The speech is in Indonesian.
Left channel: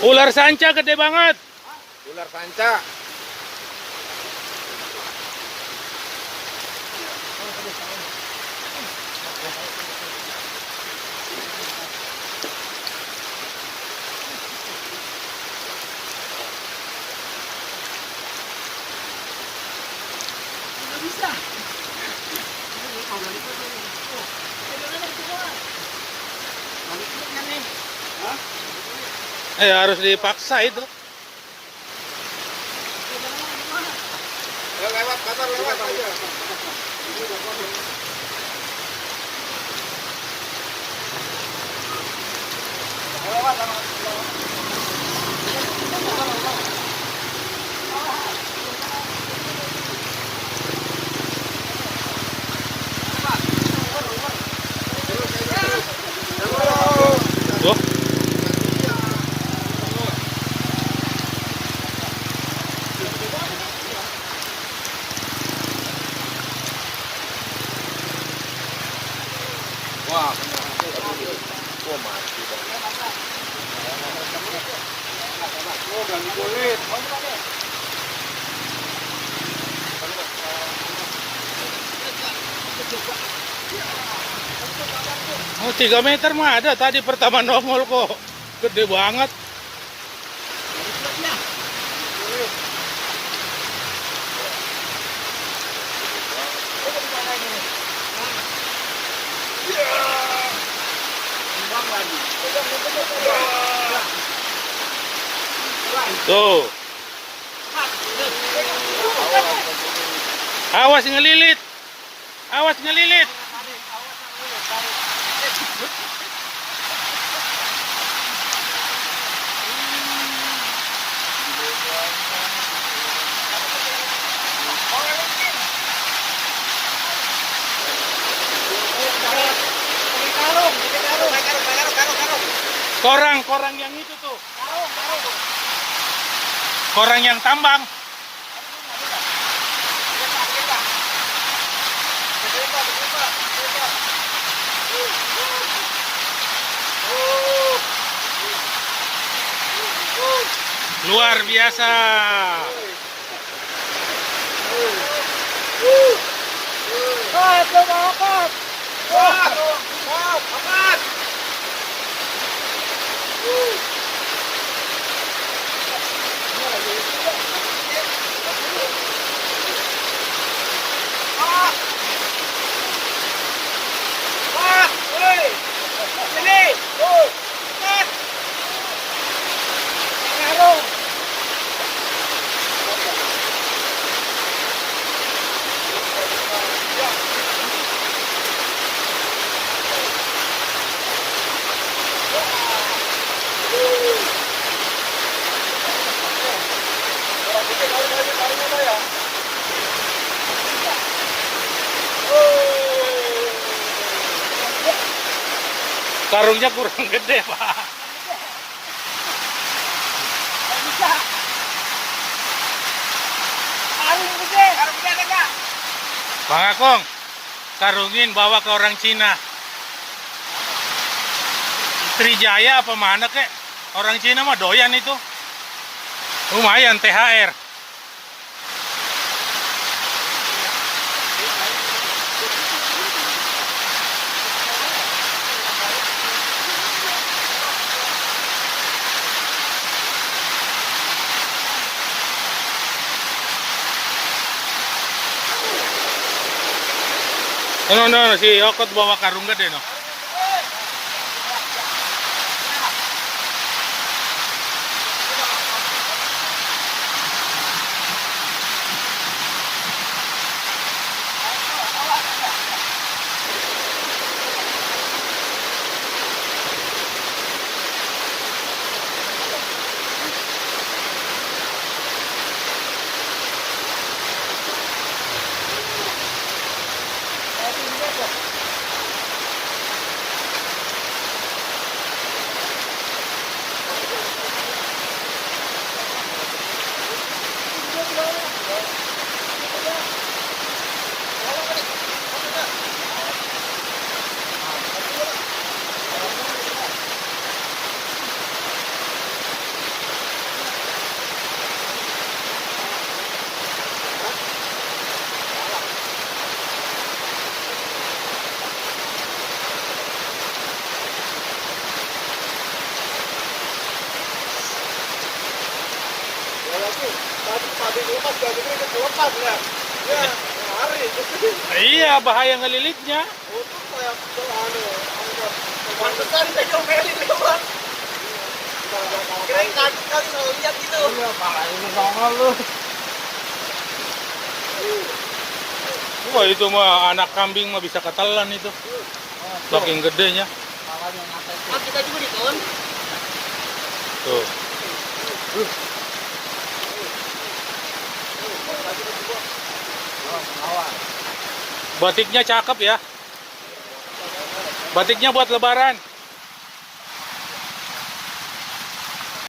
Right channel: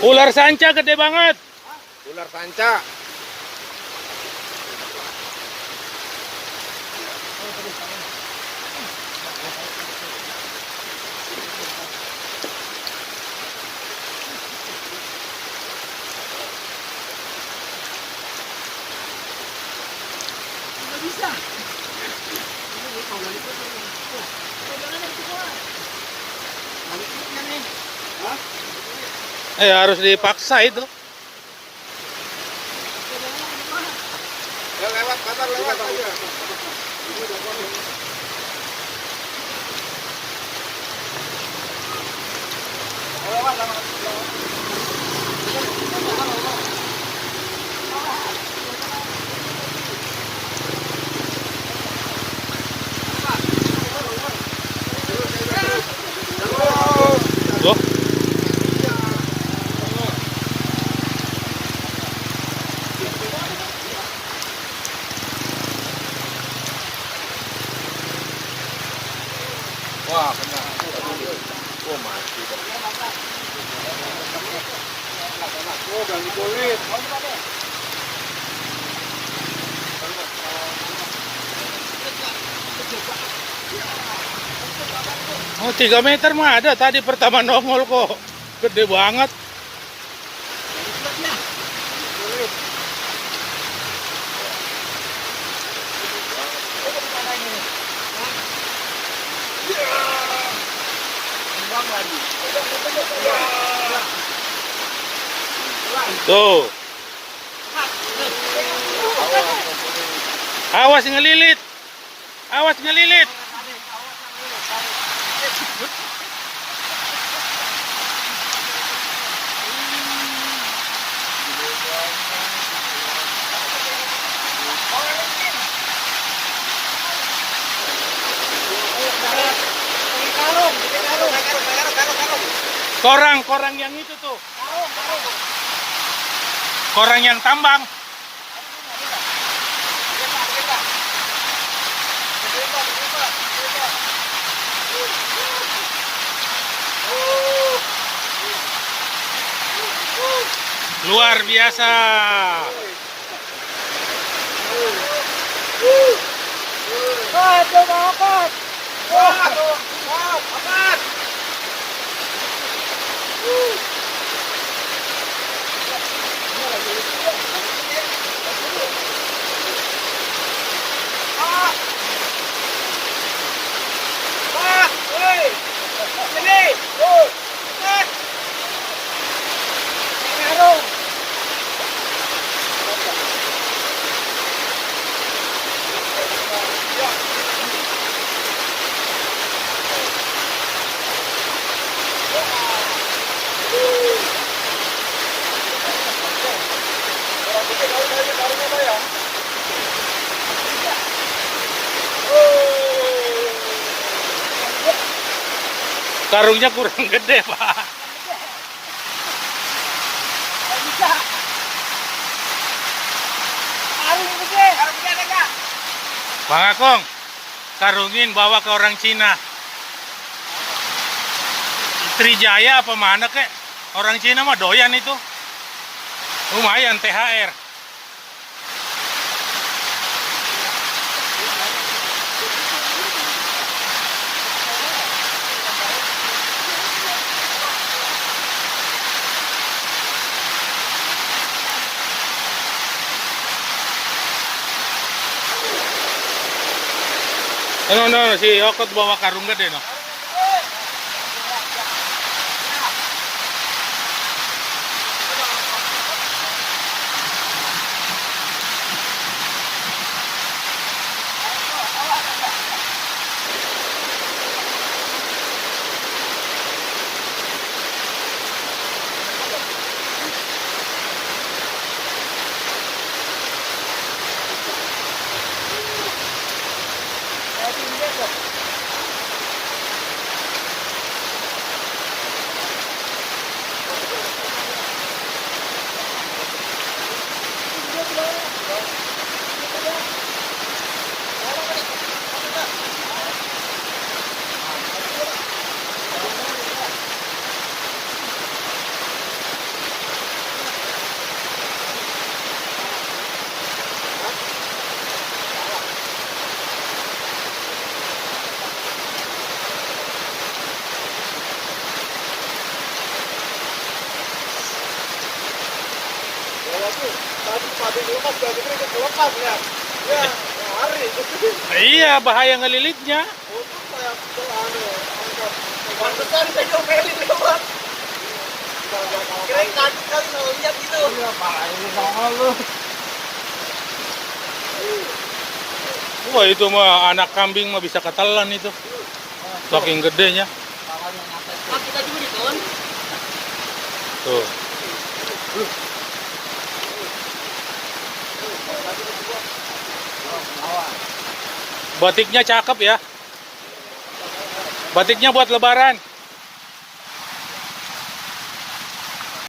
Ular sanca gede banget. Ular sanca. Harus dipaksa itu. Lewat motor lewat. Tuh. Wah, Oh, 3 meter mah ada tadi pertama nongol kok. Gede banget. Tuh. Awas ngelilit. Awas ngelilit. Korang yang itu tuh. Korang yang tambang. Luar biasa. coba angkat. Angkat. Karungnya kurang gede, Pak. Karung gede enggak? Bang Akong, karungin bawa ke orang Cina. Trijaya apa mana kek? Orang Cina mah doyan itu. Lumayan THR. No, si Okot bawa karung gede no. Lepas, lepas ya. Ya, lari. Iya, bahaya ngelilitnya. Untuk kayak anu, angkat. Pantesan kayak Meli itu kan. Kan lihat itu. Wah, itu mah anak kambing mah bisa ketelan itu. Saking gedenya. Aku tadi di kon. Tuh. Batiknya cakep ya. Batiknya buat lebaran.